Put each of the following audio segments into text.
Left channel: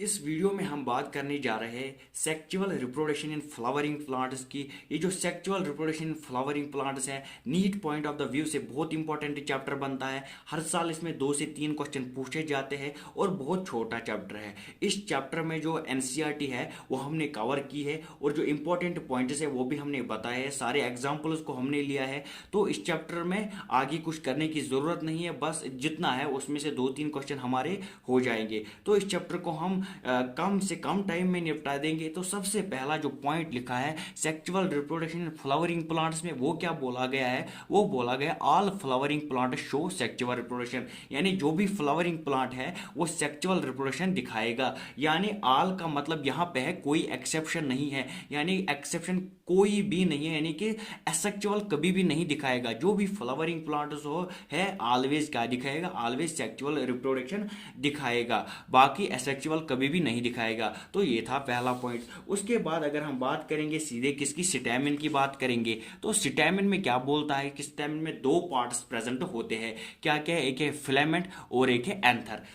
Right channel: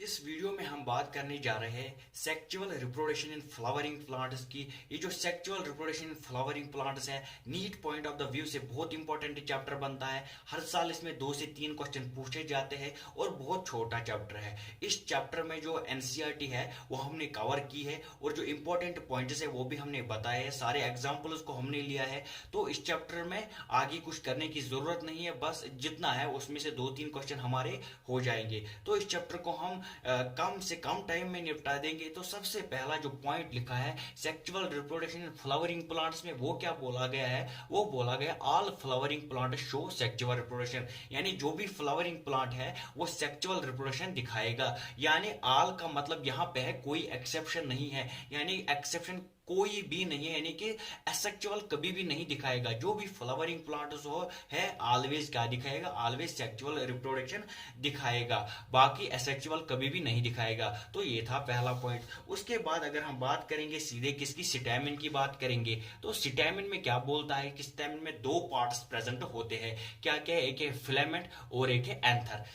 इस वीडियो में हम बात करने जा रहे हैं sexual reproduction in flowering plants की। ये जो sexual reproduction in flowering plants है, NEET point of the view से बहुत इंपॉर्टेंट चैप्टर बनता है। हर साल इसमें 2 से 3 क्वेश्चन पूछे जाते हैं और बहुत छोटा चैप्टर है। इस चैप्टर में जो एनसीईआरटी है वो हमने कवर की है और जो इंपॉर्टेंट पॉइंट्स है वो भी हमने बताए हैं, सारे एग्जाम्पल्स को हमने लिया है। तो इस चैप्टर में आगे कुछ करने की जरूरत नहीं है, बस जितना है उसमें से 2-3 क्वेश्चन हमारे हो जाएंगे। तो इस चैप्टर को हम कम से कम टाइम में निपटा देंगे। तो सबसे पहला जो पॉइंट लिखा है sexual reproduction in flowering plants में, वो क्या बोला गया है? वो बोला गया all flowering plant show sexual reproduction, यानी जो भी फ्लावरिंग प्लांट है वो सेक्सुअल रिप्रोडक्शन दिखाएगा। यानी ऑल का मतलब यहाँ पे है कोई एक्सेप्शन नहीं है, यानी एक्सेप्शन कोई भी नहीं है, यानी कि एसेक्सुअल कभी भी नहीं दिखाएगा। जो भी फ्लावरिंग प्लांट्स हो है ऑलवेज क्या दिखाएगा? ऑलवेज सेक्सुअल रिप्रोडक्शन दिखाएगा, बाकी एसेक्सुअल कभी भी नहीं दिखाएगा। तो ये था पहला पॉइंट। उसके बाद अगर हम बात करेंगे सीधे किसकी, स्टेमिन की बात करेंगे, तो स्टेमिन में क्या बोलता है कि स्टेमिन में 2 पार्ट्स प्रेजेंट होते हैं। क्या क्या है? एक है फिलामेंट और एक है एंथर।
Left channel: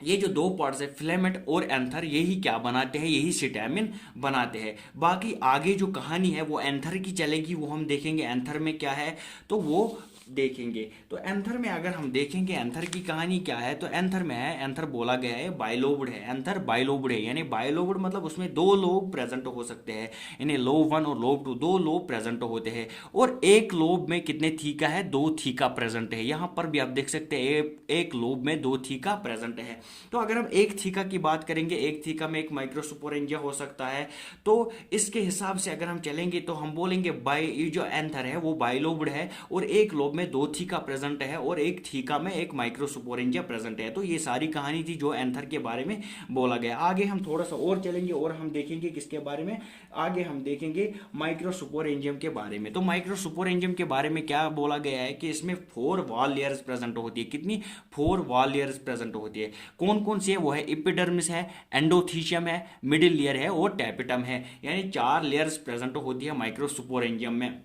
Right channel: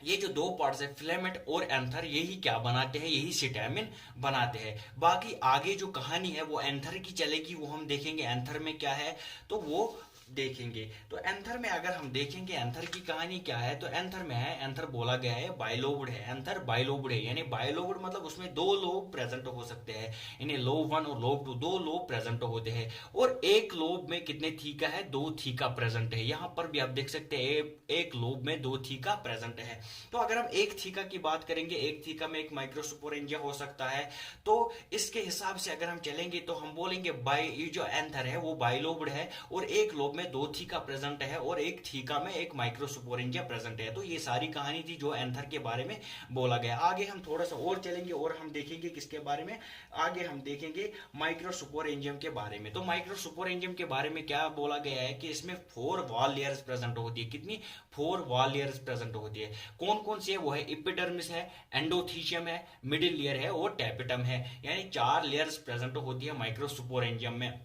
ये जो 2 पार्ट्स है फिलामेंट और एंथर, यही क्या बनाते हैं? यही स्टेमिन बनाते हैं। बाकी आगे जो कहानी है वो एंथर की चलेगी, वो हम देखेंगे एंथर में क्या है, तो वो देखेंगे। तो एंथर में अगर हम देखेंगे एंथर की कहानी क्या है, तो एंथर में है, एंथर बोला गया है बाइलोब्ड है। एंथर बाइलोब्ड है, यानी बाइलोब्ड मतलब उसमें 2 लोब प्रेजेंट हो सकते हैं, यानी लोब 1 और लोब 2, 2 लोब प्रेजेंट होते हैं। और एक लोब में कितने थीका है? 2 थीका प्रेजेंट है। यहां पर भी आप देख सकते हैं एक लोब में 2 थीका प्रेजेंट है। तो अगर हम एक थीका की बात करेंगे, एक थीका में एक माइक्रोस्पोरेंजिया हो सकता है। तो इसके हिसाब से अगर हम चलेंगे तो हम बोलेंगे बाई, ये जो एंथर है वो बाइलोब्ड है और एक लोब में 2 थीका प्रेजेंट है और एक थीका में एक माइक्रोस्पोरेंजिया प्रेजेंट है। तो ये सारी कहानी थी जो एंथर के बारे में बोला गया। आगे हम थोड़ा सा और चलेंगे और हम देखेंगे किसके बारे में, आगे हम देखेंगे माइक्रोस्पोरेंजियम के बारे में। तो माइक्रोस्पोरेंजियम के बारे में क्या बोला गया है कि इसमें 4 वॉल लेयर्स प्रेजेंट होती है। कितनी? 4 वॉल लेयर्स प्रेजेंट होती है। कौन कौन सी है? वो है एपिडर्मिस है, एंडोथीशियम है, मिडिल लेयर है और टैपिटम है, यानी 4 लेयर्स प्रेजेंट होती है माइक्रोस्पोरेंजियम में।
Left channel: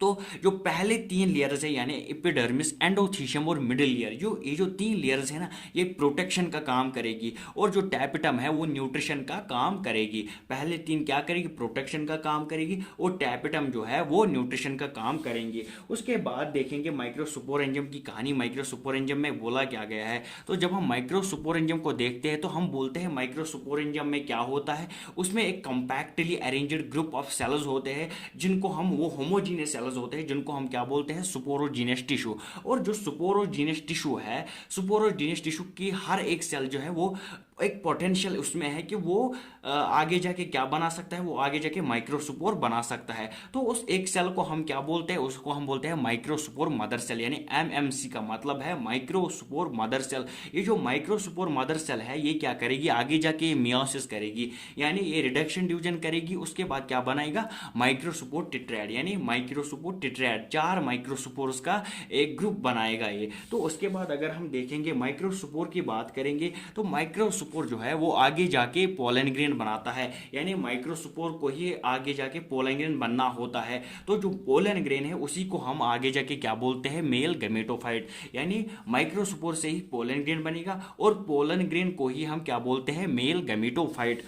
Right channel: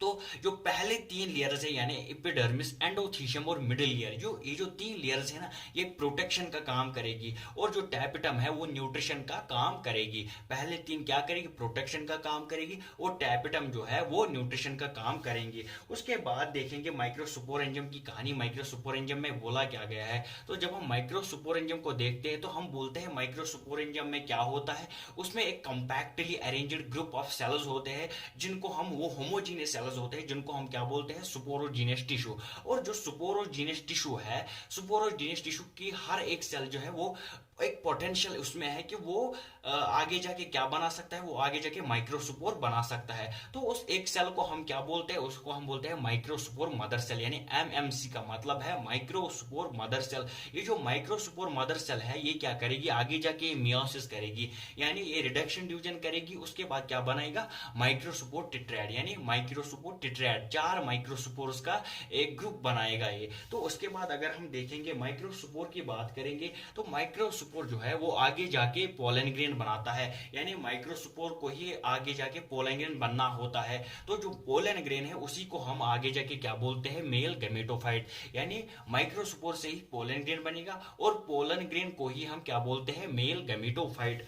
तो जो पहले 3 लेयर्स है यानी एपिडर्मिस, एंडोथीशियम और मिडिल लेयर, जो ये जो 3 लेयर्स है ना, ये प्रोटेक्शन का काम करेगी और जो टैपिटम है वो न्यूट्रिशन का काम करेगी। पहले 3 क्या करेगी? प्रोटेक्शन का काम करेगी और टैपिटम जो है वो न्यूट्रिशन का काम करेंगी। उसके बाद देखेंगे माइक्रोस्पोरेंजियम की कहानी। माइक्रोस्पोरेंजियम में बोला क्या गया है, तो जब हम माइक्रोस्पोरेंजियम को देखते हैं तो हम बोलते हैं माइक्रोस्पोरेंजियम में क्या होता है, उसमें एक compactly arranged group of cells होते हैं जिनको हम, वो होमोजीनियस सेल्स होते हैं जिनको हम क्या बोलते हैं? सुपोरोजीनियस टिश्यू। और जो सुपोरोजीनियस टिश्यू है, सुपोरोजीनियस टिश्यू की हर एक सेल जो है वो एक पोटेंशियल उसमें है कि वो आगे जाके क्या बना सकता है? वो आगे जाके माइक्रोस्पोर बना सकता है। तो उस एक सेल को हम क्या बोलते हैं? उसको हम बोलते हैं माइक्रोस्पोर मदर सेल, यानी एमएमसी का मतलब है माइक्रोस्पोर मदर सेल। ये जो माइक्रोस्पोर मदर सेल है ये क्या करेगी? आगे जाके मियोसिस करेगी, यानी ये रिडक्शन डिवीजन करेगी। उसके बाद क्या बनाएगा? माइक्रोस्पोर टिट्रैड, यानी माइक्रोस्पोर टिट्रैड, 4 माइक्रोस्पोर्स का एक ग्रुप बनाएगा ये। तो उसके बाद अगर हम देखेंगे माइक्रोस्पोर की बात करेंगे, तो माइक्रोस्पोर जो है वो आगे जाके पोलन ग्रेन बनाता है, यानी माइक्रोस्पोर को ही आगे जाके पोलन ग्रेन बनना होता है। तो जो पोलन ग्रेन है उसी को हम आगे जाके क्या बोलते हैं? मेल गैमेटोफाइट, यानी माइक्रोस्पोर से ही पोलन ग्रेन बनेगा और पोलन ग्रेन को ही हम क्या बोलते हैं? Male gametophyte.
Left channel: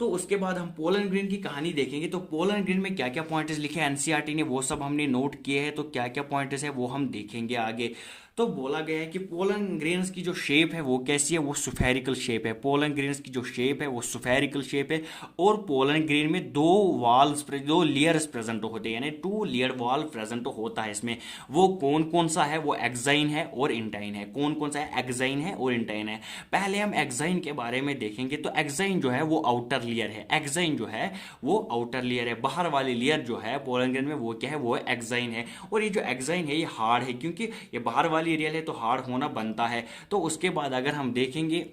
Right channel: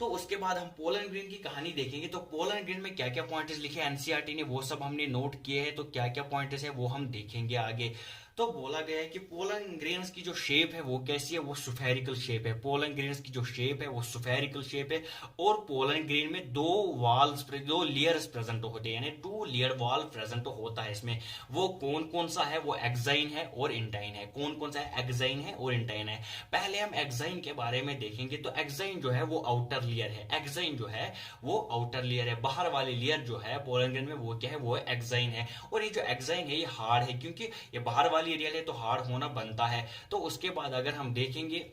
तो उसके बाद हम पोलन ग्रेन की कहानी देखेंगे। तो पोलन ग्रेन में क्या क्या पॉइंट्स लिखे हैं एनसीईआरटी ने, वो सब हमने नोट किए हैं। तो क्या क्या पॉइंट्स है वो हम देखेंगे आगे। तो बोला गया है कि पोलन ग्रेन्स की जो शेप है वो कैसी है? वो सुफेरिकल शेप है। पोलन ग्रेन्स की जो शेप है वो सुफेरिकल शेप है और पोलन ग्रेन में 2 लेयर्स प्रेजेंट होते हैं, यानी 2 लेयर वॉल प्रेजेंट होता है इसमें। वो कौन कौन सा है? वो एक्साइन है और इंटाइन है। कौन कौन सा है? एक्साइन है और इंटाइन है। पहले हम एक्साइन के बारे में देखेंगे। तो एक्साइन जो है वो आउटर लेयर है। एक्साइन जो है वो आउटर लेयर है। बाहर वाली लेयर जो है पोलन ग्रेन में वो क्या है? वो एक्साइन है। और ये जो एक्साइन है ये हार्ड है, क्योंकि ये बाहर वाली रियल है तो हार्ड होना बनता है। तो उसके बाद अगर हम देखेंगे,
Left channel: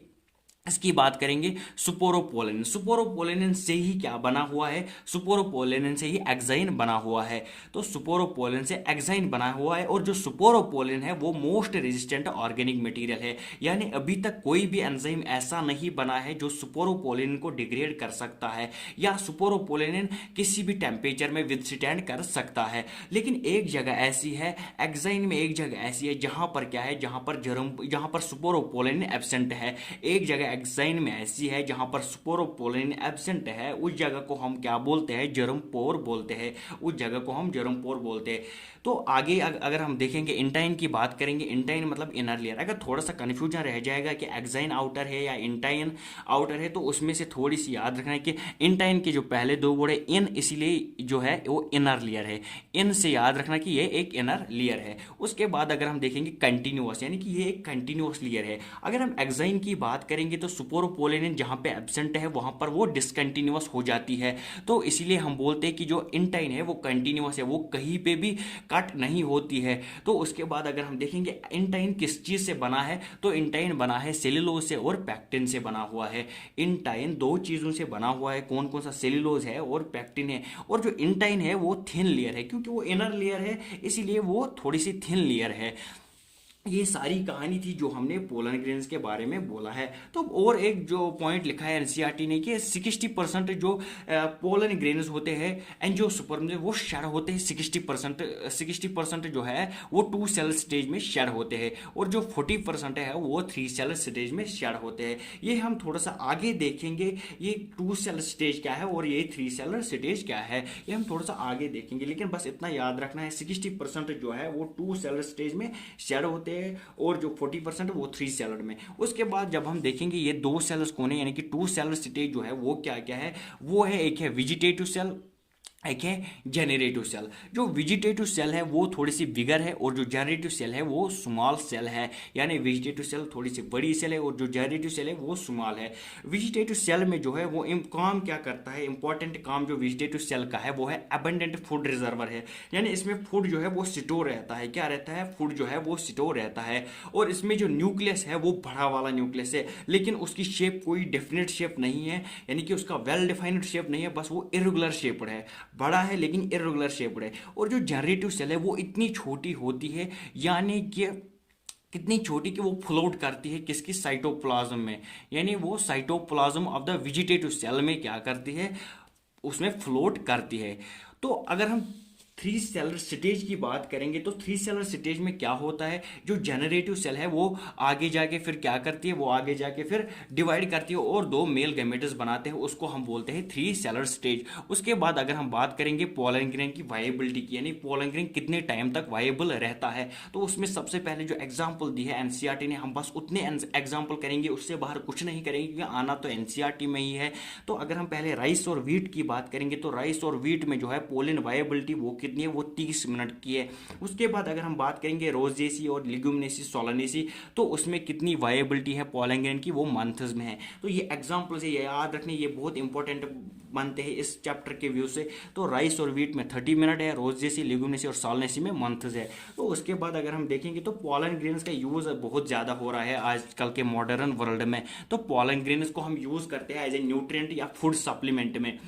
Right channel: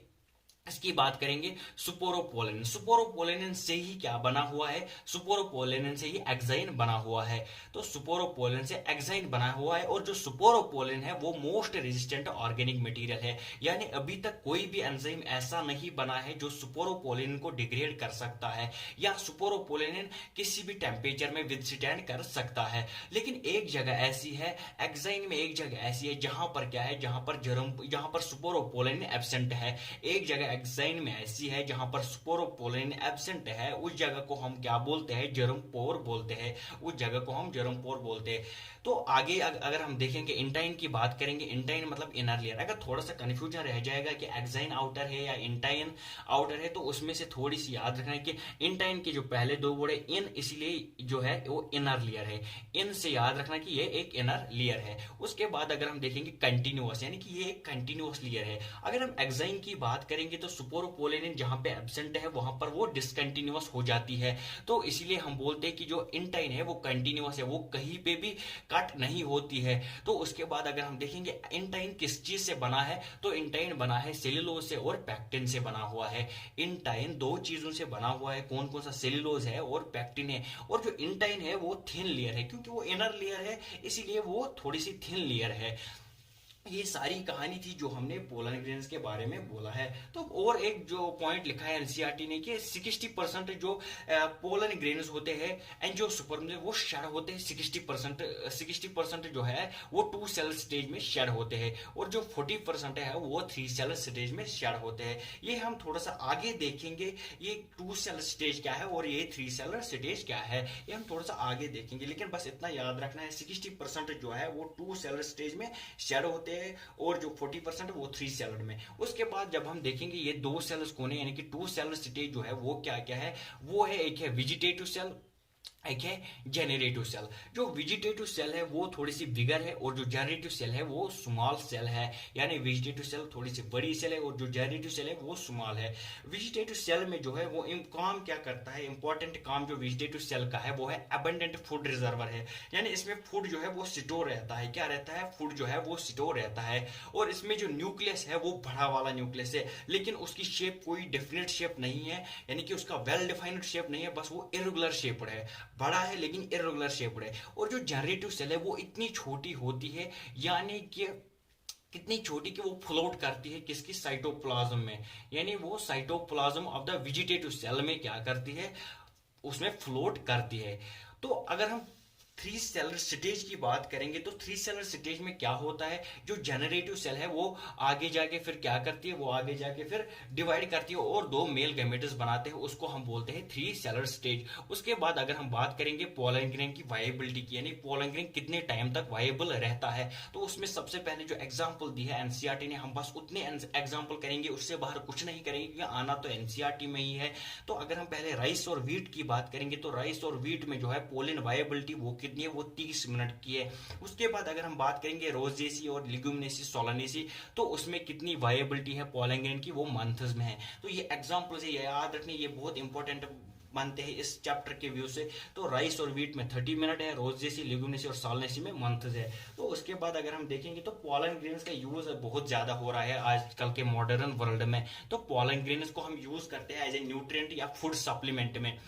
इसकी बात करेंगे सुपोरोपोलेनिन। सुपोरोपोलेनिन से ही क्या बना हुआ है? सुपोरोपोलेनिन से ही एक्साइन बना हुआ है। तो सुपोरोपोलेनिन से एक्साइन बना हुआ है और जो सुपोरोपोलेनिन है वो मोस्ट रेजिस्टेंट ऑर्गेनिक मटेरियल है, यानी अभी तक कोई भी एंजाइम ऐसा नहीं बना है जो सुपोरोपोलेनिन को डिग्रेड कर सकता है या सुपोरोपोलेनिन किसी भी टेम्परेचर में विथस्टैंड कर सकता है। लेकिन एक जगह ऐसी है, एक्साइन में एक जगह ऐसी है जहां पर क्या है? जहां पर सुपोरोपोलेनिन एब्सेंट है। एक जगह एक्साइन में ऐसी है जहां पर स्पोरोपोलिन एब्सेंट है, उस जगह को हम क्या बोलते हैं, जर्मपोर बोलते हैं, उस जगह को हम जर्मपोर बोलते हैं। तो आगे अगर हम देखेंगे इंटाइन की बात करेंगे, इंटाइन मतलब इनर लेयर। अगर थोड़ा सा कन्फ्यूजन रह जाएगा कि एक्साइन आउटर है या इंटाइन आउटर है, तो उसमें से थोड़ी सी याद रखना है कि इंटाइन के जो पहले दो वर्ड है इन, इसीलिए जो है वो इनर लेयर है। इन से याद रखना कि ये एक इनर लेयर है। उसके बाद अगर हम देखेंगे कंटिन्यूअस, यानी कि ये एक कंटिन्यूअस लेयर है। अगर हम एक्साइन की बात करेंगे तो स्पोरोपोलिन जहां पे एब्सेंट है वहां पर वो डिसकंटिन्यूअस हो जाती है, तो इसीलिए हम बोलते हैं कि जो इंटाइन है वो कंटिन्यूअस है, वो कहीं पे भी कट नहीं होती है। तो उसके बाद अगर हम देखेंगे इंटाइन किस चीज से बना है, तो इंटाइन बना है सेल्यूलोज से और पैक्टिन से बना हुआ है। इंटाइन दो चीजों से बना हुआ है, कौन कौन सा, सेल्यूलोज है और पैक्टिन है। और जो इंटाइन है वो थिन लेयर है, क्योंकि वो इनर लेयर है इसीलिए वो थोड़ी सी थिन लेयर है। ये सारी कहानी थी जो हमने पोलन ग्रेन्स के बारे में बोला है। तो और एक जो पॉइंट लिखा है एनसीईआरटी ने कि 60% जो पोलन ग्रेन्स होते हैं एंजियोस्पर्म में वो शेड होते हैं, 60% जो है वो 2 सेल स्टेज में शेड होते हैं, और जो 40% है वो 3 सेल स्टेज में शेड होते हैं। ये हम थोड़ा सा आगे देखेंगे, ये 2 सेल स्टेज क्या है और ये 3 सेल स्टेज क्या है, ये हम थोड़ा सा आगे देखेंगे। लेकिन बस इतना याद रखना है 60% जो है वो 2 सेल स्टेज में शेड होते हैं, और जो 40% वो 3 सेलर में। उसके बाद जब हम देखेंगे ये 2 सेल्स कौन है, यानी कि 2 सेलर स्टेज जो है वो क्या क्या है, वो है एक है वेजिटेटिव सेल, एक है जेनरेटिव सेल। जो वेजिटेटिव सेल है वो थोड़ी सी बिगर है, और जो जेनरेटिव सेल है वो स्मॉल सेल है, यानी वेजिटेटिव सेल थोड़ी सी बड़ी सेल है और जो जेनरेटिव सेल है वो स्मॉल है। वेजिटेटिव सेल में जो है वो काम क्या करता है, इंपॉर्टेंट काम जो वेजिटेटिव सेल का है वो है अबंडेंट फूड रिजर्वर है, यानी इसमें फूड जो है वो स्टोर रहता है। क्या रहता है, फूड जो है वो स्टोर रहता है। और इसमें जो न्यूक्लियस है वो बड़ा वाला न्यूक्लियस है, लेकिन उसकी शेप कोई डेफिनेट शेप नहीं है, यानी कि उसका वेल डिफाइंड शेप नहीं है, बस वो इरेगुलर शेप्ड है, बड़ा है लेकिन इरेगुलर शेप्ड है। और जो जनरेटिव सेल है वो इतनी छोटी होती है, यानी कि कितनी छोटी कि वो फ्लोट करती है किसकी, साइटोप्लाज्म में, यानी वो cytoplasm of the vegetative cell में क्या करती है, उसमें फ्लोट करती है। तो अगर हम 3 सेलर स्टेज की बात करेंगे तो 3 सेलर स्टेज में क्या होता है, जो जनरेटिव सेल है वो आगे जाके फिर क्या करती है, वो आगे जाके फिर डिवाइड करती है और 2 मेल गैमेट्स बनाते हैं, उसको हम बोलते हैं 3 सेलर स्टेज। उसके बाद अगर हम बात करेंगे पोलन ग्रेन की वायबिलिटी की, यानी पोलन ग्रेन कितने टाइम तक वायबल रहता है, तो उसमें सबसे पहले जो एग्जाम्पल दी है एनसीईआरटी ने, हम बस उतने एग्जाम्पल करेंगे, उससे बाहर कुछ नहीं करेंगे क्योंकि आना तो एनसीईआरटी में ही है। तो अगर हम पहले राइस और व्हीट की बात करेंगे तो राइस और व्हीट में जो है पोलन वायबिलिटी वो कितनी है, वो 30 मिनट की है। उसके बाद अगर हम बात करेंगे रोजेसी और लिग्यूमिनेसी सोलानेसी, तो उसमें कितनी वायबिलिटी है पोलन ग्रेन की, वो मंथ्स में है। तो ये एग्जांपल से ये याद रखने, ये बहुत इंपॉर्टेंट बनते हैं इस चैप्टर के व्यू से। तो राइस और व्हीट में 30 मिनट है, रोजेसी, लिग्यूमिनेसी और सोलानेसी में मंथ्स है। तो उसके बाद अगर हम देखेंगे तो पोलन ग्रेन्स का यूज बहुत ज्यादा हो रहा है आजकल के मॉडर्न वर्ल्ड में। तो पोलन ग्रेन्स को हम यूज करते हैं एज ए न्यूट्रिएंट या फूड सप्लीमेंट में।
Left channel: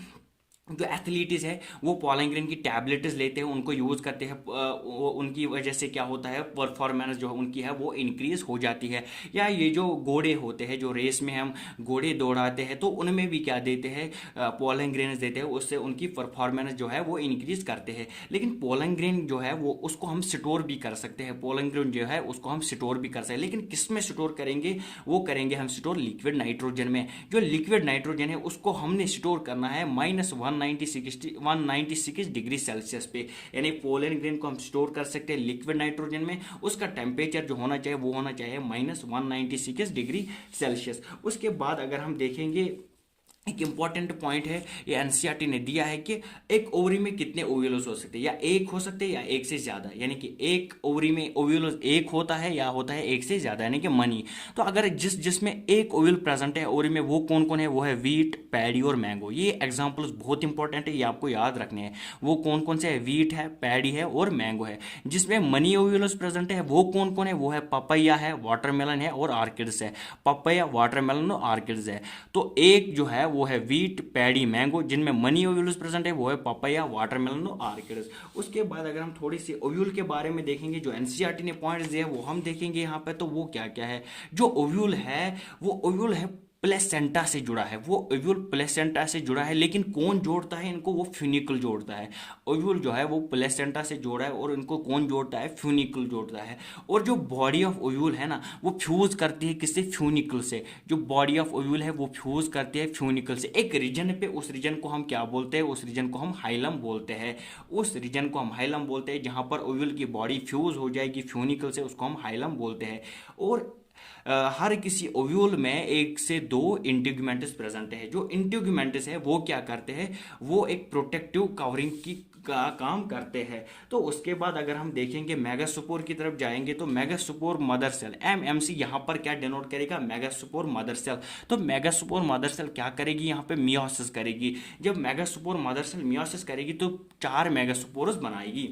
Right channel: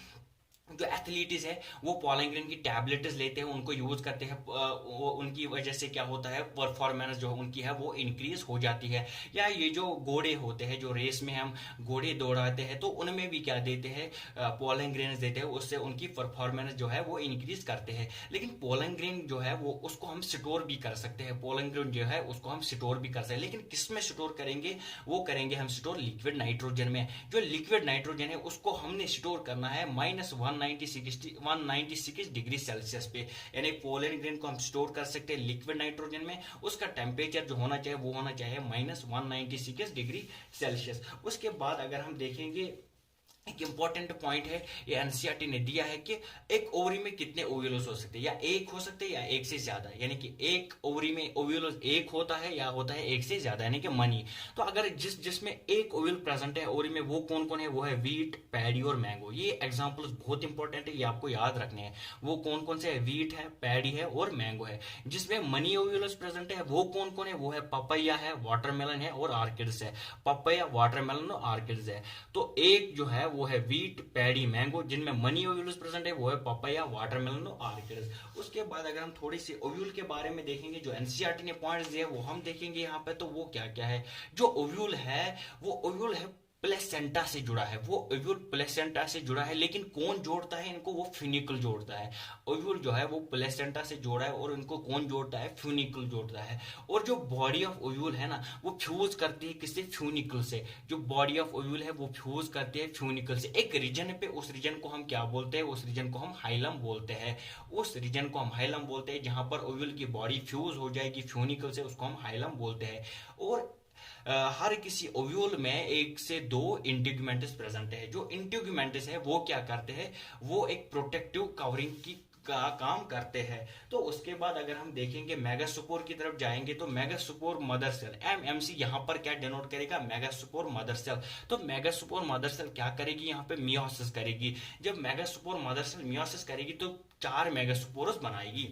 जो एथलीट्स है वो पोलन ग्रेन की टैबलेट्स लेते हैं, उनको यूज करते हैं, उनकी वजह से क्या होता है, परफॉर्मेंस जो उनकी है वो इंक्रीज हो जाती है। या ये जो घोड़े होते हैं, जो रेस में हम घोड़े दौड़ाते हैं, तो उनमें भी क्या देते हैं, पोलन ग्रेन देते हैं, उससे उनकी परफॉर्मेंस जो है वो इंक्रीज करते हैं। लेकिन पोलन ग्रेन जो है वो उसको हम स्टोर भी कर सकते हैं, पोलन ग्रेन जो है उसको हम स्टोर भी कर सकते हैं। लेकिन किस में स्टोर करेंगे, वो करेंगे हम स्टोर लिक्विड नाइट्रोजन में। जो लिक्विड नाइट्रोजन है उसको हमने स्टोर करना है -196 डिग्री सेल्सियस पे, यानी पोलन ग्रेन को हम स्टोर कर सकते हैं लिक्विड नाइट्रोजन में। उसका टेम्परेचर जो होना चाहिए वो होना चाहिए -196 डिग्री सेल्सियस। उसके बाद अगर हम देखेंगे एक इंपॉर्टेंट पॉइंट है, ये एनसीईआरटी ने दिया है कि एक ओवरी में कितने ओव्यूल्स हो सकते हैं, या एक हो सकते हैं या एक से ज्यादा, यानी कि एक ओवरी में ओव्यूल्स एक होता है या होता है एक से ज्यादा, यानी कि मनी। तो अगर जिसमें एक ओव्यूल प्रेजेंट है ओवरी में, वो कौन कौन है, वो है व्हीट, पैडी और मैंगो। ये एग्जांपल्स बहुत इंपॉर्टेंट है, ये आपको याद रखने हैं। वो कौन कौन से है, व्हीट है, पैडी है और मैंगो है। जिसमें मनी ओव्यूल्स प्रेजेंट है वो कौन कौन है, वो है पपैया है, वाटरमेलन है और ऑर्किड्स है। पपैया, वाटरमेलन और ऑर्किड्स है। तो एक जो है वो है व्हीट, पैडी, मैंगो। जिनमें मनी ओव्यूल्स प्रेजेंट है वो है पपैया, वाटरमेलन और ऑर्किड्स। उसके बाद अगर हम थोड़ी सी ओव्यूल के बारे में देखेंगे, जो एनसीईआरटी ने पॉइंट्स दिए वो हम देखेंगे यहाँ पे। तो वो क्या क्या है, जो ओव्यूल है वो ओव्यूल है प्लेसेंटा से जुड़ा है, वो ओव्यूल प्लेसेंटा से जुड़ा है, लेकिन कौन जोड़ता है इनको? वो फ्यूनिकल जोड़ता है। ओव्यूल जो है वो प्लेसेंटा से जोड़ा है और इनको कौन जोड़ता है? फ्यूनिकल जोड़ता है। और जो बॉडी ऑफ ओव्यूल है ना, वो फ्यूज करती है किससे? फ्यूनिकल से। जो बॉडी ऑफ ओव्यूल है वो फ्यूज करती है फ्यूनिकल से एक रीजन पे। उस रीजन को हम क्या बोलते हैं? उस रीजन को हम हाइलम बोलते हैं। उस रीजन को हम हाइलम बोलते हैं जहां पर ओव्यूल की बॉडी फ्यूज हो जाएगी फ्यूनिकल से, उसको हम हाइलम बोलते हैं। और हर किसी ओव्यूल में एक से दो इंटीग्यूमेंट्स प्रेजेंट है। जो इंटीग्यूमेंट्स है वो क्या करते हैं? वो एक प्रोटेक्टिव कवरिंग की का काम करते हैं। तो उसके बाद अगर हम देखेंगे मेगास्पोर की तरफ जाएंगे तो मेगास्पोर मदर सेल, एमएमसी यहां पर क्या डिनोट करेगा? Megaspore mother cell. तो मेगास्पोर मदर सेल क्या करेगी? यहां पे मियोसिस करेगी। जब मेगास्पोर मदर सेल मियोसिस करेगी तो 4 मेगास्पोर्स बनाएगी।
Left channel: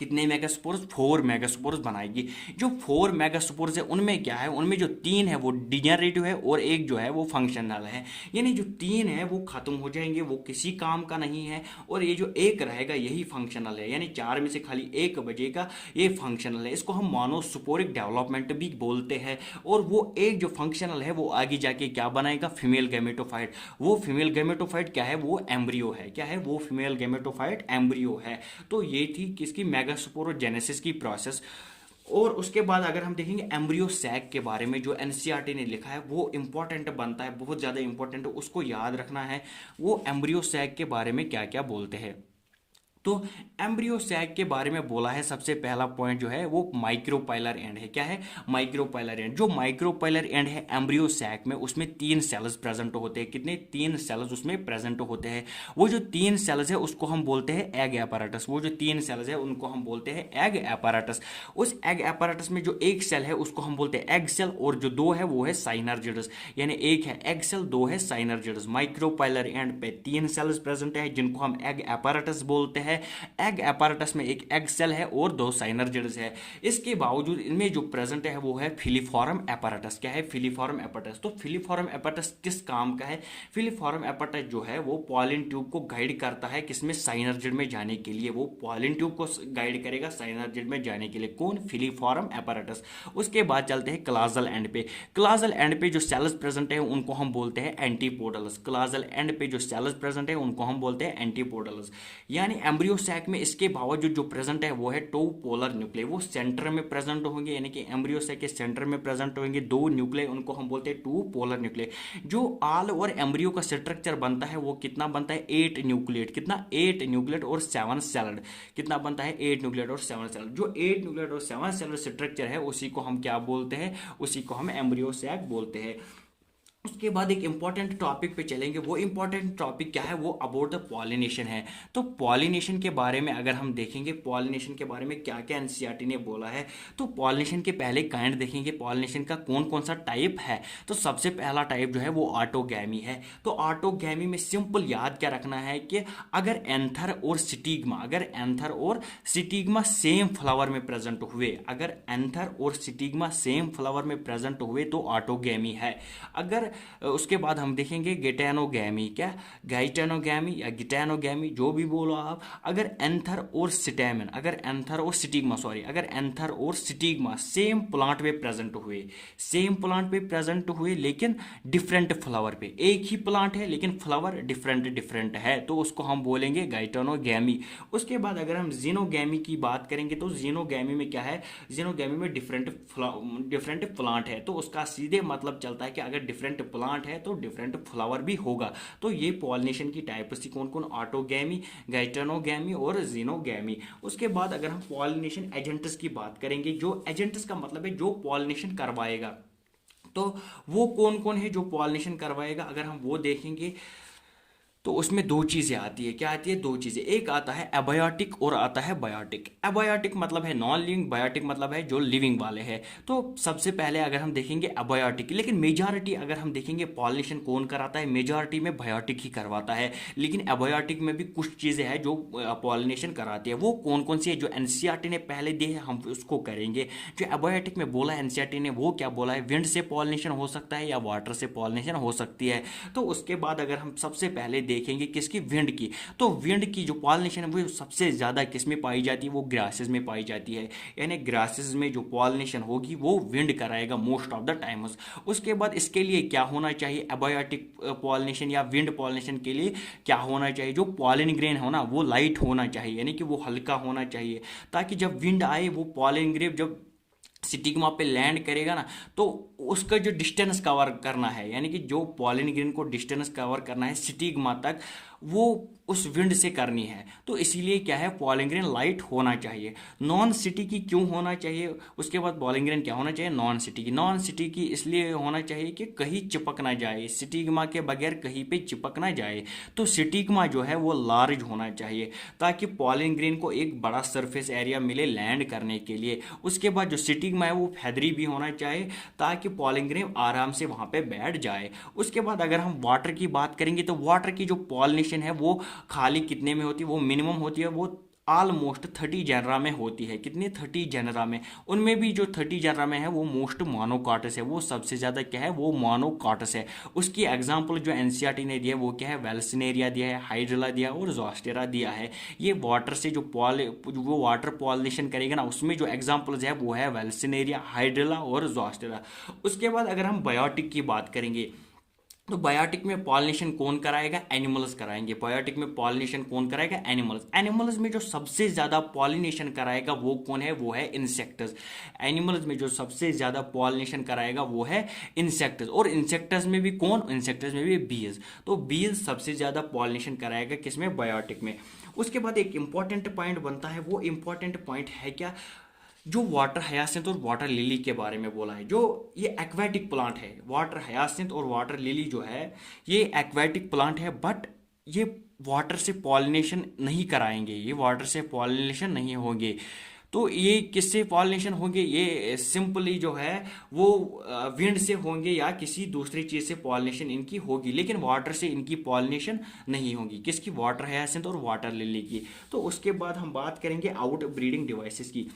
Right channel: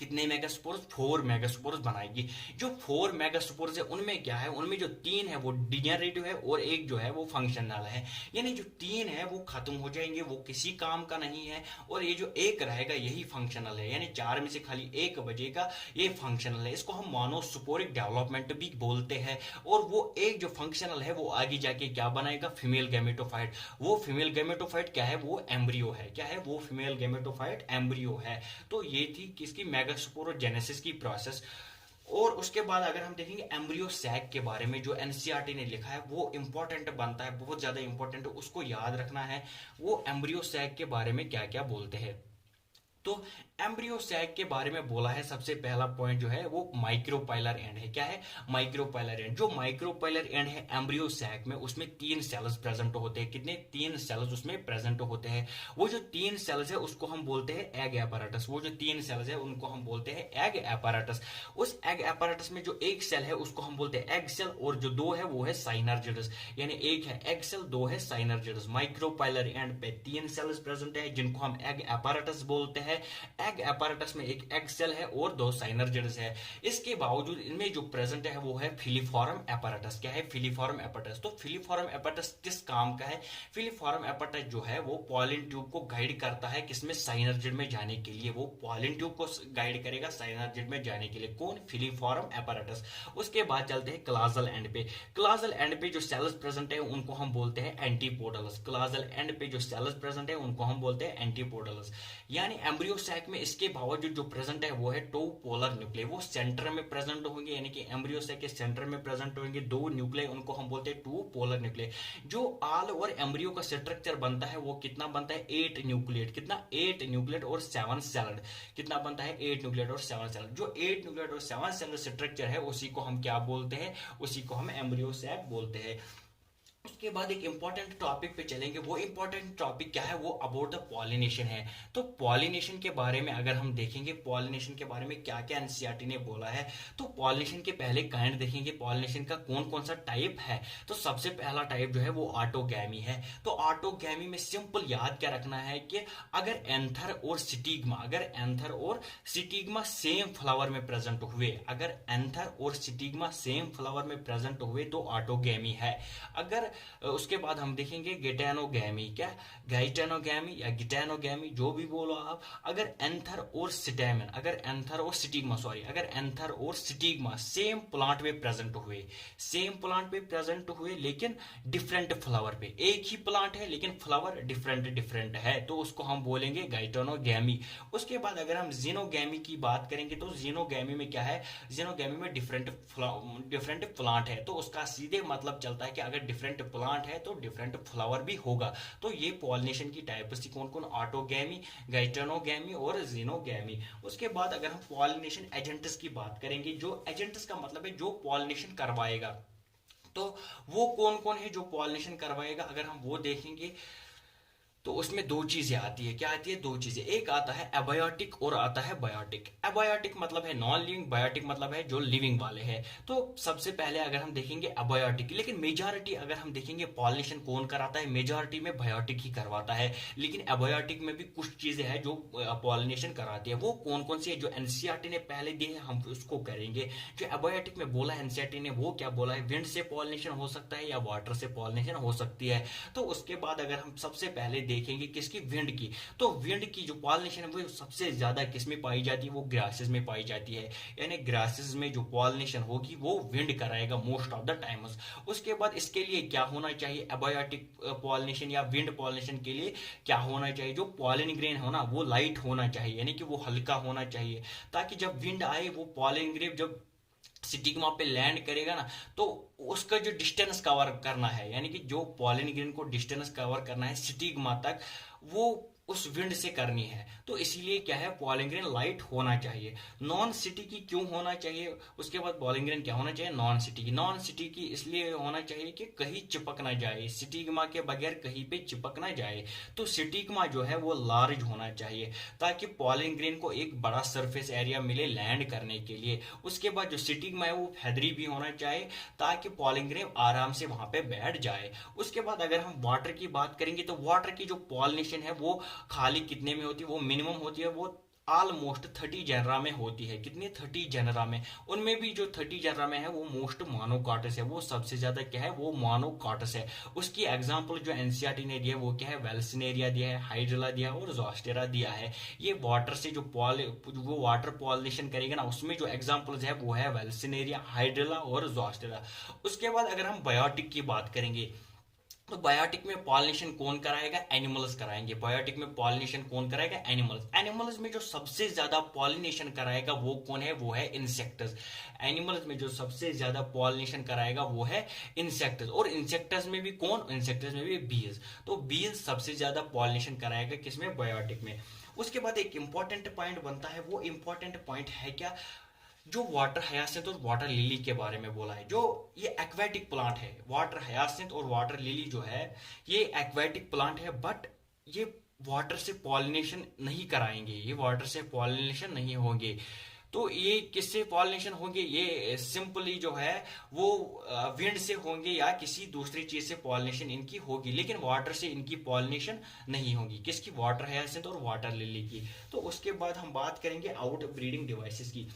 कितने मेगास्पोर्स? 4 मेगास्पोर्स बनाएगी। जो 4 मेगास्पोर्स है उनमें क्या है? उनमें जो 3 है वो डिजेनरेटिव है और एक जो है वो फंक्शनल है। यानी जो 3 है वो खत्म हो जाएंगे, वो किसी काम का नहीं है, और ये जो एक रहेगा यही फंक्शनल है। यानी 4 में से खाली एक बचेगा, ये फंक्शनल है। इसको हम मोनोस्पोरिक डेवलपमेंट भी बोलते हैं। और वो एक जो फंक्शनल है वो आगे जाके क्या बनाएगा? Female gametophyte. वो फीमेल गैमेटोफाइट क्या है? वो एम्ब्रियो है। क्या है वो? फीमेल गैमेटोफाइट एम्ब्रियो है। तो ये थी किसकी? मेगास्पोरोजेनेसिस की प्रोसेस। और उसके बाद अगर हम देखेंगे एम्ब्रियो सैक के बारे में, जो एनसीईआरटी ने लिखा है वो इंपॉर्टेंट बनता है, बहुत ज्यादा इंपॉर्टेंट है, उसको याद रखना है। वो एम्ब्रियो सैक के बारे में क्या क्या बोलते हैं। तो एम्ब्रियो सैक के बारे में बोला है, सबसे पहला पॉइंट जो है वो माइक्रोपाइलर एंड है। क्या है? Micropylar and. जो माइक्रोपाइलर एंड है एम्ब्रियो सैक में, उसमें 3 सेल्स प्रेजेंट होते हैं। कितने? 3 सेल्स उसमें प्रेजेंट होते हैं। वो जो 3 सेल्स है उसको हम बोलते हैं एग एपारेटस। वो जो 3 सेल्स है उनको हम बोलते हैं एग एपारेटस। उस एग एपारेटस में जो एक सेल है उसको हम बोलते हैं एग सेल, और जो 2 है वो है साइनर्जिडस। यानी एक है एग सेल, 2 है साइनर्जिडस। माइक्रोपाइलर एंड पे 3 सेल्स प्रेजेंट है जिनको हम एग एपारेटस बोलते हैं। एग एपारेटस में एक एग सेल है और 2 साइनर्जिड्स है। इसके बावजूद इनमें जो प्रेजेंट है वो है फिलीफॉर्म एपारेटस। क्या है? Filiform apparatus. तो फिलीफॉर्म एपारेटस किस काम का है? फिलीफॉर्म एपारेटस जो है वो पॉलिन ट्यूब को गाइड करता है किसमें? साइनर्जिड में जाने के लिए। वो पॉलिन ट्यूब को गाइड करेगा साइनर्जिड में जाने के लिए। कौन? Filiform apparatus. उसके बाद चलते हैं क्लाजल एंड पे। क्लाजल एंड पे जो सेल्स प्रेजेंट है उनको हम बोलते हैं एंटीपोडल्स। क्लाजल एंड पे जो सेल्स प्रेजेंट है उनको हम बोलते हैं एंटीपोडल्स। यानी एम्ब्रियो सैक में इसके बावजूद जो प्रेजेंट है वो है 2 पोलर न्यूक्लियर। वो सेंटर में प्रेजेंट होंगे, यानी कि एम्ब्रियो सैक के सेंटर में प्रेजेंट होंगे 2 न्यूक्लियर, उनको हम बोलते हैं 2 पोलर न्यूक्लियर। जो आल और एम्ब्रियो का स्ट्रक्चर बनता है वो कितना बनता है? 8 न्यूक्लियर। कितना? 8 न्यूक्लियर और 7 सेल्ड। कितना बनता है? 8 न्यूक्लियर और 7 सेल्ड। जो 8 न्यूक्लियर और 7 सेल्ड स्ट्रक्चर है उसी को हम क्या बोलते हैं? उसी को हम एम्ब्रियो सैक बोलते हैं। उसके बाद एक इंपॉर्टेंट टॉपिक पे चलेंगे। वो इंपॉर्टेंट टॉपिक क्या है? वो अबाउट द पॉलिनेशन है। तो पॉलिनेशन के बारे में अगर हम देखेंगे, पॉलिनेशन के बारे में क्या क्या एनसीईआरटी ने बोला है, तो पॉलिनेशन के पहले काइंड देखेंगे पॉलिनेशन का कौन कौन सा टाइप है। तो सबसे पहला टाइप जो है वो ऑटोगैमी है। तो ऑटोगैमी में सिंपल याद क्या रखना है कि अगर एंथर और स्टिग्मा, अगर एंथर और स्टिग्मा सेम फ्लावर में प्रेजेंट हुए, अगर एंथर और स्टिग्मा सेम फ्लावर में प्रेजेंट हुए तो ऑटोगैमी है। अगर उसके बाद हम देखेंगे गेटेनोगैमी। क्या? गाइटेनोगैमी या गिटेनोगैमी, जो भी बोलो आप। अगर एंथर और स्टेमन, अगर एंथर और स्टिग्मा, सॉरी, अगर एंथर और स्टिग्मा सेम प्लांट में प्रेजेंट हुए, सेम प्लांट पे प्रेजेंट हुए लेकिन डिफरेंट फ्लावर पे, एक ही प्लांट है लेकिन फ्लावर डिफरेंट डिफरेंट है, तो उसको हम बोलेंगे गाइटेनोगैमी। उसके बाद अगर हम जीनोगैमी की बात करेंगे तो जीनोगैमी में क्या है? जीनोगैमी में डिफरेंट प्लांट है, तो उसका सीधे मतलब चलता है कि अगर डिफरेंट प्लांट है तो डिफरेंट फ्लावर भी होगा। तो ये पॉलिनेशन की टाइप्स थी कौन कौन? ऑटोगैमी, गाइटेनोगैमी और जीनोगैमी। उसके बाद अगर हम पॉलिनेशन एजेंट्स की बात करेंगे, जो एजेंट्स का मतलब है जो पॉलिनेशन करवाएगा, तो वो कौन कौन है जो पॉलिनेशन करवाएगा? अगर हम वो देखेंगे तो उसमें 2 चीजें आती है। क्या आती है? 2 चीजें। एक आता है एबायोटिक और आता है बायोटिक। एबायोटिक मतलब है नॉन लिविंग, बायोटिक मतलब है जो लिविंग वाले हैं। तो सबसे पहले अगर हम देखेंगे एबायोटिक, लेकिन मेजॉरिटी अगर हम देखेंगे पॉलिनेशन कौन कराता है? मेजॉरिटी में बायोटिक ही करवाता है, लेकिन एबायोटिक में भी कुछ चीजें हैं जो पॉलिनेशन कराती है। वो कौन कौन सी है? जो एनसीईआरटी ने पहले दी है हम उसको करेंगे। जो एबायोटिक में बोला है एनसीईआरटी ने, वो क्या बोला है? विंड से पॉलिनेशन हो सकता है या वाटर से पॉलिनेशन हो सकती है। तो उसके बाद अगर हम सबसे पहले देखेंगे किसकी, विंड की। तो विंड की जो पॉलिनेशन है वो सबसे ज्यादा किस में पाई जाती है, वो ग्रासेस में पाई जाती है। यानी ग्रासेस में जो पॉलिनेशन होगी वो विंड कराएगा मोस्ट ऑफ द टाइम्स। उसके बाद इसके लिए क्या होना चाहिए, एबायोटिक पॉलिनेशन या विंड पॉलिनेशन के लिए क्या होना चाहिए, जो पॉलिन ग्रेन हो ना वो लाइट होना चाहिए, यानी कि वो हल्का होना चाहिए, ताकि जब विंड आए वो पॉलिन ग्रेन जब स्टिग्मा पे लैंड करेगा ना, तो उसका जो डिस्टेंस कवर करना है, यानी कि जो पॉलिन ग्रेन को डिस्टेंस कवर करना है स्टिग्मा तक, वो उस विंड से करनी है। तो इसीलिए क्या है, पॉलिन ग्रेन लाइट होना चाहिए। नॉन सिटी की क्यों होना चाहिए, उसके बाद पॉलिन ग्रेन क्या होना चाहिए, नॉन सिटी की। नॉन सिटी की इसलिए होना चाहिए कि कहीं चिपक ना जाए, स्टिग्मा के बगैर कहीं पे चिपक ना जाए। तो स्टिग्मा जो है वो लार्ज होना चाहिए, ताकि पॉलिन ग्रेन को एक बड़ा सरफेस एरिया मिले लैंड करने के लिए। उसके बाद जो स्टिग्मा है वो फेदरी भी होना चाहिए, ताकि पॉलिन ग्रेन आराम से वहां पे बैठ जाए। उसके बाद अगर हम वाटर की बात करेंगे, तो वाटर की जो पॉलिनेशन है वो खाली कितने में होती है, वो मिनिमम होती है, वो ऑलमोस्ट 30 जेनरा में होती है। कितने, 30 जेनरा में। उनमें भी जो 30 जेनरा में है वो मोस्ट मोनोकाटस है, वो सबसे ज्यादा क्या है, वो मोनोकाटस है। उसकी एग्जांपल जो एनसीईआरटी ने दिया है वो क्या है, वेल्सनेरिया दिया है, हाइड्रिला दिया है और जोस्टेरा दिया है। ये वाटर से जो वो वाटर पॉलिनेशन करेगा ना, उसमें जो एग्जाम्पल्स है वो है वेल्सनेरिया, हाइड्रिला और जोस्टेरा। उसके बाद अगर हम बायोटिक की बात करेंगे, तो बायोटिक में पॉलिनेशन कौन कराएगा, एनिमल्स कराएंगे। बायोटिक में पॉलिनेशन कौन कराएगा, एनिमल्स। एनिमल्स में जो सबसे ज्यादा पॉलिनेशन कराएगा वो कौन है, वो है इंसेक्ट्स। एनिमल्स में जो सबसे ज्यादा पॉलिनेशन कराएगा वो है इंसेक्ट्स। और इंसेक्ट्स में भी कौन, इंसेक्ट्स में भी बीज। तो बीज सबसे ज्यादा पॉलिनेशन कराएगा किसमें, बायोटिक में। उसके बाद एक इंपॉर्टेंट पॉइंट बनता है, वो इंपॉर्टेंट पॉइंट है क्या, जो वाटर हयासिंथ और वाटर लिली के बारे में बोला है। जो ये एक्वेटिक प्लांट है, वाटर हयासिंथ और वाटर लिली जो है ये एक्वेटिक प्लांट है, बट ये वाटर से पॉलिनेशन नहीं कराएंगे, ये वाटर से पॉलिनेशन नहीं होंगे। तो ये किससे पॉलिनेशन होंगे, ये सिंपली जो है वो विंड से होंगे या किसी दूसरी चीज से पॉलिनेशन इनकी होगी, लेकिन वाटर से इनकी पॉलिनेशन नहीं होगी। किसकी, वाटर हयासिंथ और वाटर लिली की। तो उसके बाद हम बात करेंगे आउट ब्रीडिंग डिवाइसेस की।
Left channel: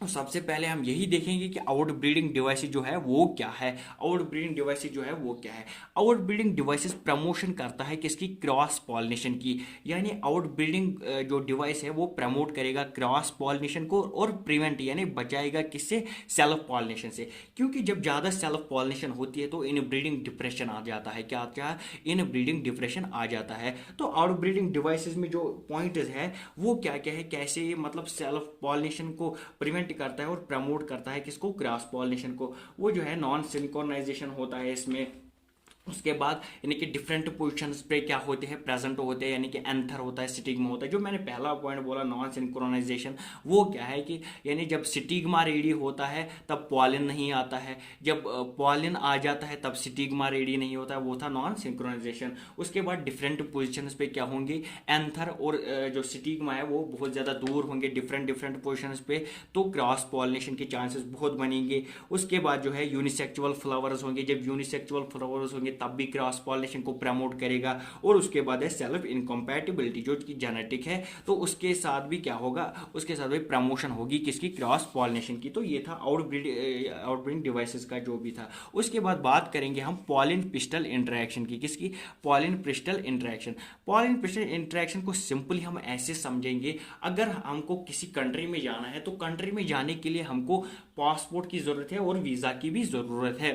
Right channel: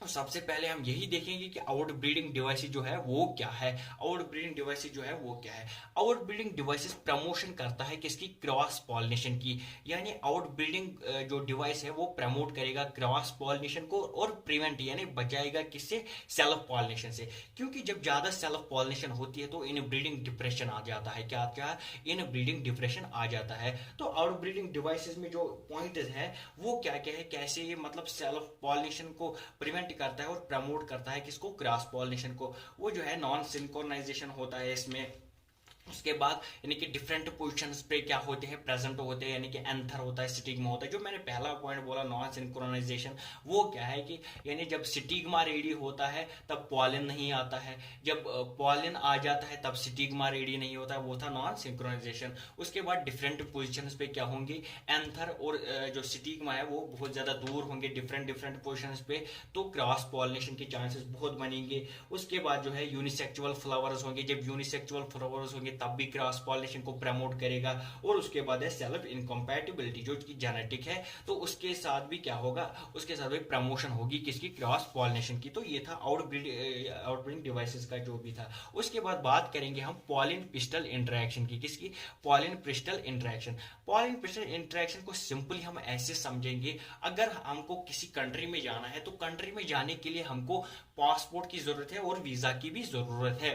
तो सबसे पहले हम यही देखेंगे कि आउट ब्रीडिंग डिवाइसेस जो है वो क्या है। आउट ब्रीडिंग डिवाइसेस जो है वो क्या है, आउट ब्रीडिंग डिवाइसेस प्रमोशन करता है किसकी, क्रॉस पॉलिनेशन की। यानी आउट ब्रीडिंग जो डिवाइस है वो प्रमोट करेगा क्रॉस पॉलिनेशन को और प्रिवेंट यानी बचाएगा किससे, सेल्फ पॉलिनेशन से। क्योंकि जब ज्यादा सेल्फ पॉलिनेशन होती है तो इन ब्रीडिंग डिप्रेशन आ जाता है। क्या क्या, इन ब्रीडिंग डिप्रेशन आ जाता है। तो आउट ब्रीडिंग डिवाइसेस में जो पॉइंट है वो क्या क्या है, कैसे ये मतलब सेल्फ पॉलिनेशन को प्रिवेंट करता है और प्रमोट करता है किसको, क्रॉस पॉलिनेशन को। वो जो है नॉन सिंक्रोनाइजेशन होता है इसमें। उसके बाद यानी कि डिफरेंट पोजिशंस पे क्या होते हैं, प्रेजेंट होते हैं, यानी कि एंथर होता है, स्टिग्मा होता है। जो मैंने पहला पॉइंट बोला नॉन सिंक्रोनाइजेशन, वो क्या है कि यानी जब स्टिग्मा रेडी होता है तब पॉलिन नहीं आता है, जब पॉलिन आ जाता है तब स्टिग्मा रेडी नहीं होता है, वो था नॉन सिंक्रोनाइजेशन। उसके बाद डिफरेंट पोजिशंस पे क्या होंगे, एंथर और जो स्टिग्मा है वो बहुत ज्यादा दूर होंगे डिफरेंट डिफरेंट पोजिशंस पे, तो क्रॉस पॉलिनेशन के चांसेस बहुत बनेंगे। उसके बाद जो है यूनिसेक्सुअल फ्लावर्स होंगे, जब यूनिसेक्सुअल फ्लावर्स होंगे तब भी क्रॉस पॉलिनेशन को प्रमोट करेगा। और उसके बाद है सेल्फ इनकम्पैटिबिलिटी जो कि जेनेटिक है, तो उसके साथ भी क्या होगा, उसके साथ भी प्रमोशन होगी किसकी, क्रॉस पॉलिनेशन की। तो ये था आउटब्रीडिंग डिवाइसेस का जो भी था। उसके बाद बात करेंगे हम पॉलिन पिस्टल इंटरेक्शन की। किसकी, pollen pistil interaction. Pollen pistil interaction को सिंपली हम ऐसे समझेंगे, अगर हमको किसी कंट्री में जाना है तो कंट्री में जाने के लिए हमको पासपोर्ट की जरूरत है और वीजा की भी जरूरत है।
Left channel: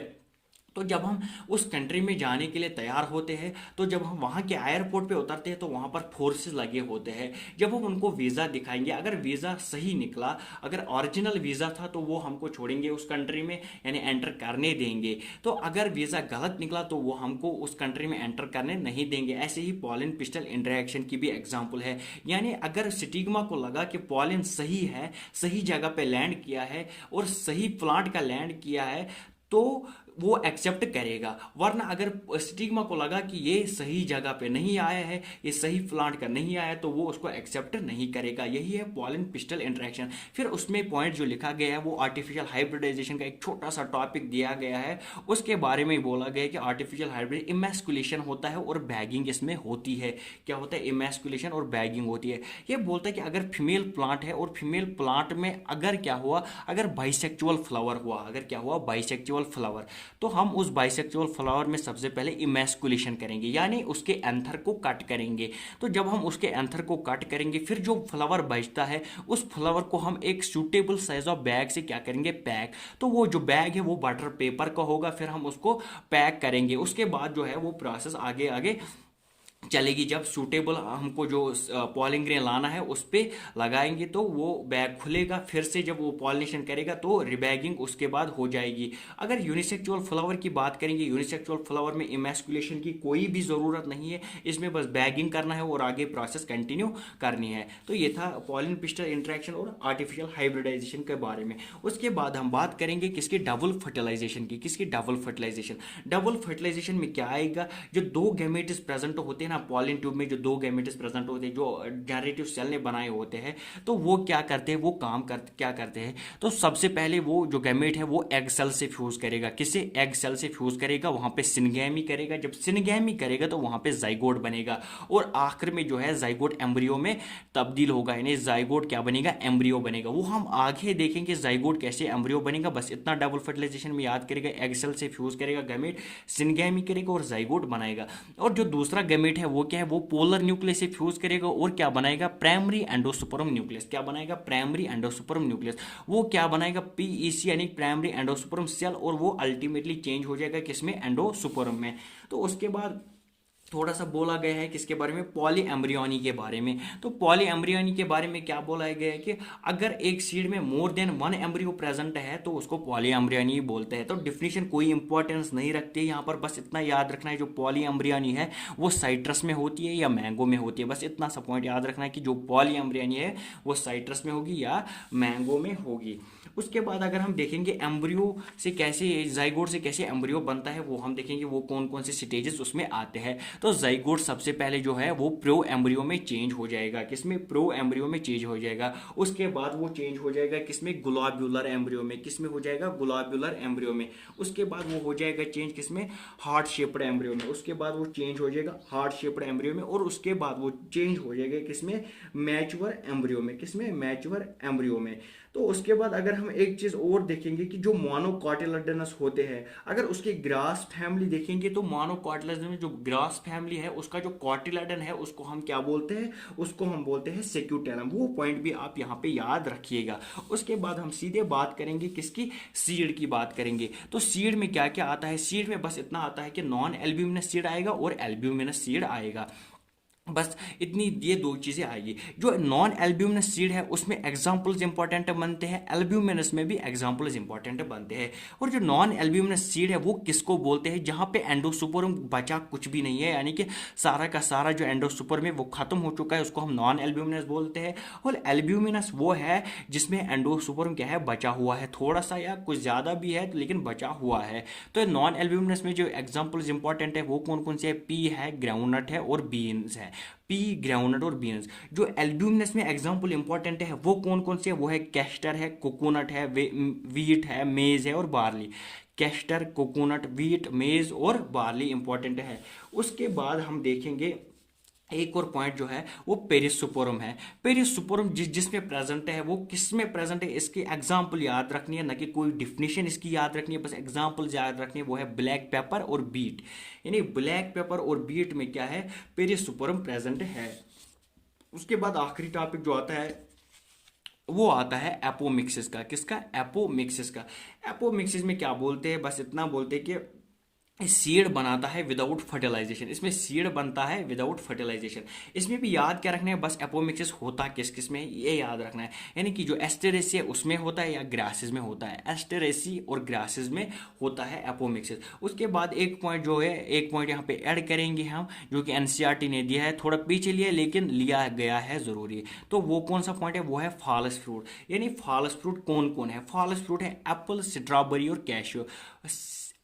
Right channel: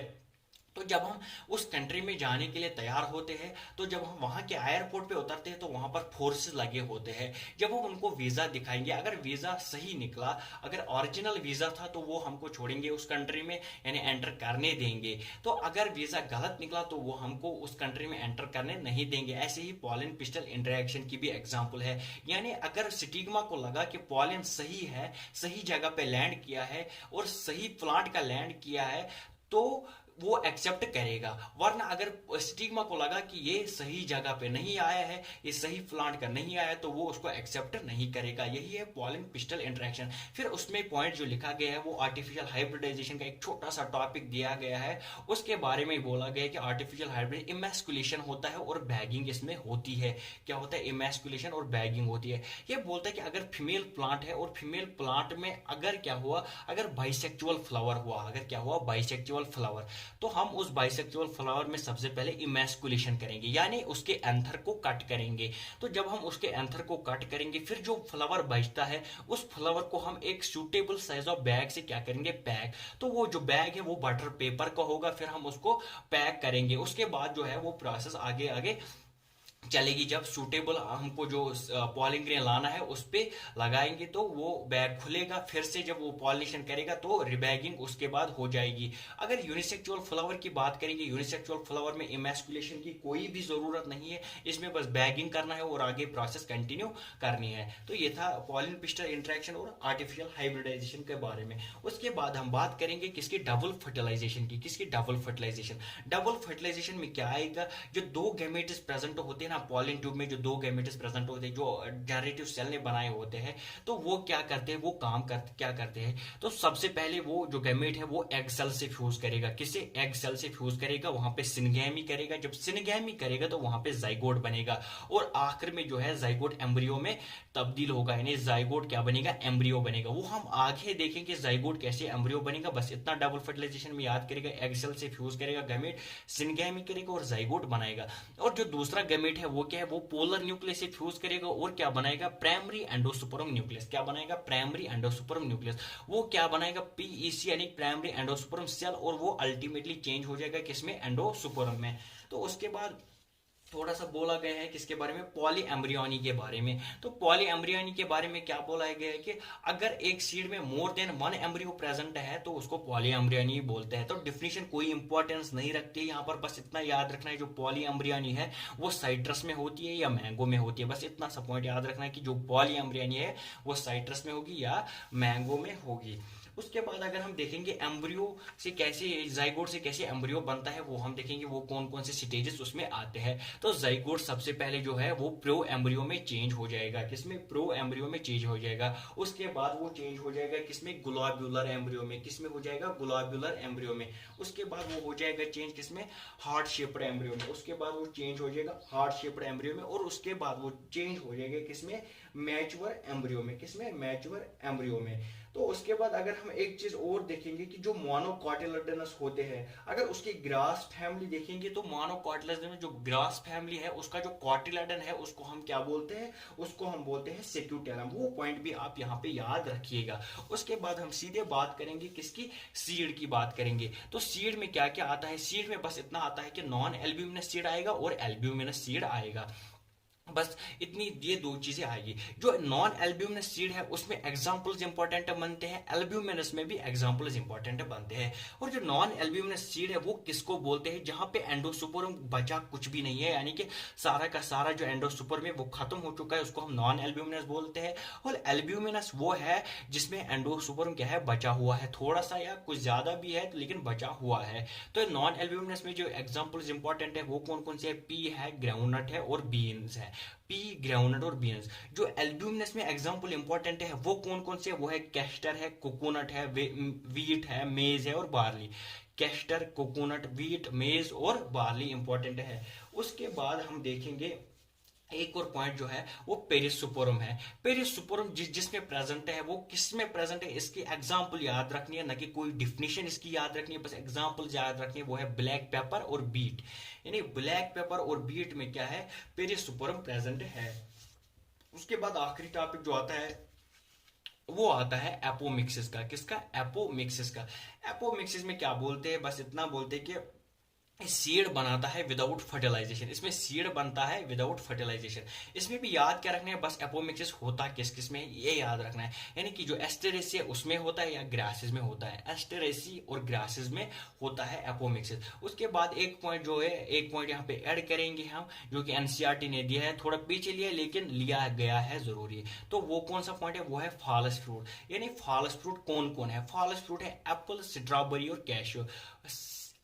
तो जब हम उस कंट्री में जाने के लिए तैयार होते हैं, तो जब हम वहां के एयरपोर्ट पे उतरते हैं तो वहां पर फोर्सेस लगे होते हैं। जब हम उनको वीजा दिखाएंगे, अगर वीजा सही निकला, अगर ओरिजिनल वीजा था तो वो हमको छोड़ेंगे उस कंट्री में, यानी एंटर करने देंगे। तो अगर वीजा गलत निकला तो वो हमको उस कंट्री में एंटर करने नहीं देंगे। ऐसे ही पॉलिन पिस्टल इंटरेक्शन की भी एग्जाम्पल है। यानी अगर स्टिग्मा को लगा कि पॉलिन सही है, सही जगह पे लैंड किया है और सही प्लांट का लैंड किया है, तो वो एक्सेप्ट करेगा। वरना अगर स्टिग्मा को लगा कि ये सही जगह पे नहीं आया है, ये सही प्लांट का नहीं आया, तो वो उसको एक्सेप्ट नहीं करेगा। यही है पॉलिन पिस्टल इंटरेक्शन। फिर उसमें पॉइंट जो लिखा गया है वो आर्टिफिशियल हाइब्रिडाइजेशन का एक छोटा सा टॉपिक दिया गया है, उसके बारे में बोला गया है कि आर्टिफिशियल हाइब्रिड इमेस्कुलेशन होता है और बैगिंग इसमें होती है। क्या होता है, इमेस्कुलेशन और बैगिंग होती है। ये बोलता है कि अगर फीमेल प्लांट है और फीमेल प्लांट में अगर क्या हुआ, अगर बाइसेक्चुअल फ्लावर हुआ, अगर क्या हुआ, बाइसेक्चुअल फ्लावर, तो हम उस बाइसेक्सुअल फ्लावर में सबसे पहले इमैस्कुलेशन करेंगे, यानी उसके एंथर को कट करेंगे। तो जब हम उसके एंथर को कट करेंगे, फिर जो फ्लावर बचता है उस फ्लावर को हम एक सूटेबल साइज ऑफ बैग से क्या करेंगे, पैक। तो वो जो बैग है वो बटर पेपर का होगा, फिर हम उसको पैक करेंगे। उसके बाद जो है वो प्रोसेस आगे आगे चलेगी। जब सूटेबल हमको जो पॉलिन ग्रेन लाना है उस पे लगाएंगे तो वो बैग खुलेगा, फिर से जब वो पॉलिनेशन करेगा तो रिबैगिंग उसके बाद हो जाएगी। अगर यूनिसेक्सुअल फ्लावर की बात करेंगे, यूनिसेक्सुअल फ्लावर में इमैस्कुलेशन की कोई भी जरूरत नहीं है, इसमें बस बैगिंग करना है और आगे प्रोसेस कंटिन्यू करनी है। तो ये था पॉलिन पिस्टल इंटरेक्शन और आर्टिफिशियल हाइब्रिडाइजेशन के बारे में। उसके बाद हम बात करेंगे किसकी, डबल फर्टिलाइजेशन की। किसकी, डबल फर्टिलाइजेशन। डबल फर्टिलाइजेशन में क्या आएगा, जो दो गैमेट्स प्रेजेंट होते हैं ना पॉलिन ट्यूब में, जो दो गैमेट्स प्रेजेंट होते हैं जो जनरेटिव सेल ने बनाए होते हैं, तो वो क्या करते हैं, वो क्या करते हैं। तो सबसे पहले वो जो गैमेट है वो एग सेल से फ्यूज करेगा। किससे, एग सेल से फ्यूज करेगा, वहां पे सिनगैमी करेगा। जब सिनगैमी करेगा तो वहां पे जाइगोट बनेगा और आखिर में जो है जाइगोट एम्ब्रियो में तब्दील होगा, यानी जाइगोट क्या बनेगा, एम्ब्रियो बनेगा। वो हम आगे देखेंगे जाइगोट कैसे एम्ब्रियो बनेगा। बस इतना डबल फर्टिलाइजेशन में याद करेगा, एग सेल से फ्यूज करेगा गैमेट, सिनगैमी करेगा और जाइगोट बनाएगा। और जो दूसरा गैमेट है वो क्या है, वो पोलर न्यूक्लियस से फ्यूज करेगा और क्या बनाएगा, प्राइमरी एंडोस्पर्म न्यूक्लियस। क्या बनाएगा, प्राइमरी एंडोस्पर्म न्यूक्लियस। वो क्या बनाएगा, पीईसी यानी प्राइमरी एंडोस्पर्म सेल, और वो अल्टीमेटली चेंज हो जाएगा किसमें, एंडोस्पर्म में। तो उसके बाद थोड़ा सा बोला गया है किसके बारे में, पॉली एम्ब्रियोनी के बारे में। तो पॉली एम्ब्रियोनी के बारे में क्या बोला गया है कि अगर एक सीड में more than one embryo present है तो उसको पॉली एम्ब्रियोनी बोलते हैं। तो डिफिनेशन कोई इंपॉर्टेंस नहीं रखती है यहाँ पर, बस इतना याद रखना है जो पॉली एम्ब्रियोनी है वो साइट्रस में होती है या मैंगो में होती है। बस इतना सा पॉइंट याद रखना है कि जो पॉली एम्ब्रियोनी है वो साइट्रस में होगी या मैंगो में होगी। उसके बाद अगर हम देखेंगे एम्ब्रियो से कैसे, जाइगोट से कैसे एम्ब्रियो बनता है, वो हम देखेंगे वो कौन कौन से स्टेजेस उसमें आते हैं। तो जाइगोट सबसे पहले जो है वो प्रो एम्ब्रियो में चेंज हो जाएगा। किसमें, प्रो एम्ब्रियो में चेंज हो जाएगा। उसके बाद वो चेंज हो जाएगा किसमें, ग्लोब्यूलर एम्ब्रियो में। किसमें हो जाएगा, ग्लोब्यूलर एम्ब्रियो में। उसके बाद वो हो जाएगा चेंज किसमें, हार्ट शेप्ड एम्ब्रियो में। उसके बाद वो चेंज हो जाएगा हार्ट शेप्ड एम्ब्रियो में। और उसके बाद वो चेंज हो जाएगा किसमें, मैच्योर एम्ब्रियो में। किसमें, मैच्योर एम्ब्रियो में। तो उसके बाद अगर हम एक चीज और देखेंगे कि जो मोनोकॉटिलेडनस होते हैं, अगर उसकी ग्रास फैमिली देखेंगे तो मोनोकॉटिलेडन में जो ग्रास फैमिली है उसका जो कॉटिलेडन है उसको हम क्या बोलते हैं, उसको हम बोलते हैं सेक्यूटेलम। वो पॉइंट भी आप यहाँ पे याद रखिएगा। उसके बाद हम सीधे बात करेंगे किसकी, सीड की बात करेंगे। तो सीड में क्या क्या आता है, सीड में बस इतना आता है कि नॉन एल्ब्यूमिनस सीड आएगा और एल्ब्यूमिनस सीड आएगा। बस इतनी ये दो चीजें आएगी। जो नॉन एल्ब्यूमिनस सीड है उसमें एग्जांपल्स इंपॉर्टेंट बनते हैं, एल्ब्यूमिनस में भी एग्जांपल्स इंपॉर्टेंट बनते हैं। और जो नॉन एल्ब्यूमिनस सीड है वो किसको बोलते हैं, जहां पे एंडोसुपर्म बचा कुछ भी नहीं है, यानी कि सारा का सारा जो एंडोसुपर्म है वो खत्म हो चुका है, उसको हम नॉन एल्ब्यूमिनस बोलते हैं। और एल्ब्यूमिनस वो है जिसमें एंडोसुपर्म क्या है, बचा हुआ है, थोड़ा सा या कुछ ज्यादा भी है लेकिन बचा हुआ है। तो नॉन एल्ब्यूमिनस में जो एग्जांपल्स इंपॉर्टेंट है वो कौन कौन से है, पी है, ग्राउंडनट है और बीन्स है। पी, ग्राउंडनट और बीन्स। जो एल्ब्यूमिनस में एग्जांपल इंपॉर्टेंट है वो कौन कौन से है, वो है कैस्टर है, कोकोनट है, वीट है, मेज है और बार्ली। कैस्टर, कोकोनट, वीट, मेज और बार्ली इंपॉर्टेंट है। उसके बाद हम देखेंगे एक और पॉइंट जो है वो पेरिसोपोरम है। पेरिसोपोरम जिसमें प्रेजेंट है वो किस में प्रेजेंट है, इसकी एग्जांपल याद रखनी है, ना कि कोई डिफिनेशन इसकी याद रखनी है, बस एग्जांपल याद रखनी है। वो है ब्लैक पेपर और बीट, यानी ब्लैक पेपर और बीट में क्या है, पेरिसोपोरम प्रेजेंट है। उसके बाद आखिरी टॉपिक जो आता है वो आता है एपोमिक्सिस का। किसका, एपोमिक्सिस का। एपोमिक्सिस में क्या बोलते हैं, बस इतना बोलते हैं कि सीड बनाता है विदाउट फर्टिलाइजेशन। इसमें सीड बनता है विदाउट फर्टिलाइजेशन। इसमें भी याद क्या रखना है, बस एपोमिक्सिस होता किस किस में ये याद रखना है, यानी कि जो एस्टेरेसी है उसमें होता है या ग्रासेस में होता है। एस्टेरेसी और ग्रासेस में होता है एपोमिक्सिस। उसके बाद एक पॉइंट जो है, एक पॉइंट यहाँ पे ऐड करेंगे हम, जो कि एनसीईआरटी ने दिया है, थोड़ा पीछे लिया लेकिन लिया गया है जरूरी। तो वो कौन सा पॉइंट है, वो है फॉल्स फ्रूट। यानी फॉल्स फ्रूट कौन कौन है, फॉल्स फ्रूट है एप्पल, स्ट्रॉबेरी और कैशू।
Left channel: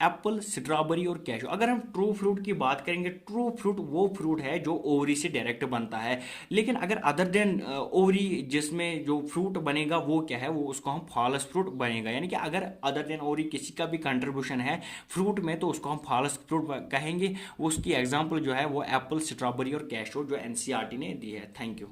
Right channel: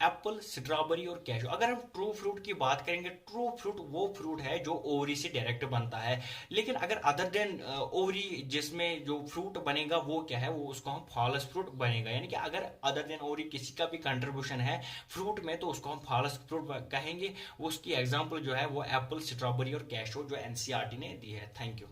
एप्पल, स्ट्रॉबेरी और कैशू। अगर हम ट्रू फ्रूट की बात करेंगे, ट्रू फ्रूट वो फ्रूट है जो ओवरी से डायरेक्ट बनता है। लेकिन अगर अदर देन ओवरी जिसमें जो फ्रूट बनेगा वो क्या है, वो उसको हम फॉल्स फ्रूट बनेगा। यानी कि अगर अदर देन ओवरी किसी का भी कंट्रीब्यूशन है फ्रूट में तो उसको हम फॉल्स फ्रूट कहेंगे। उसकी एग्जाम्पल जो है वो एप्पल, स्ट्रॉबेरी और कैशू जो एनसीईआरटी ने दी है। Thank you.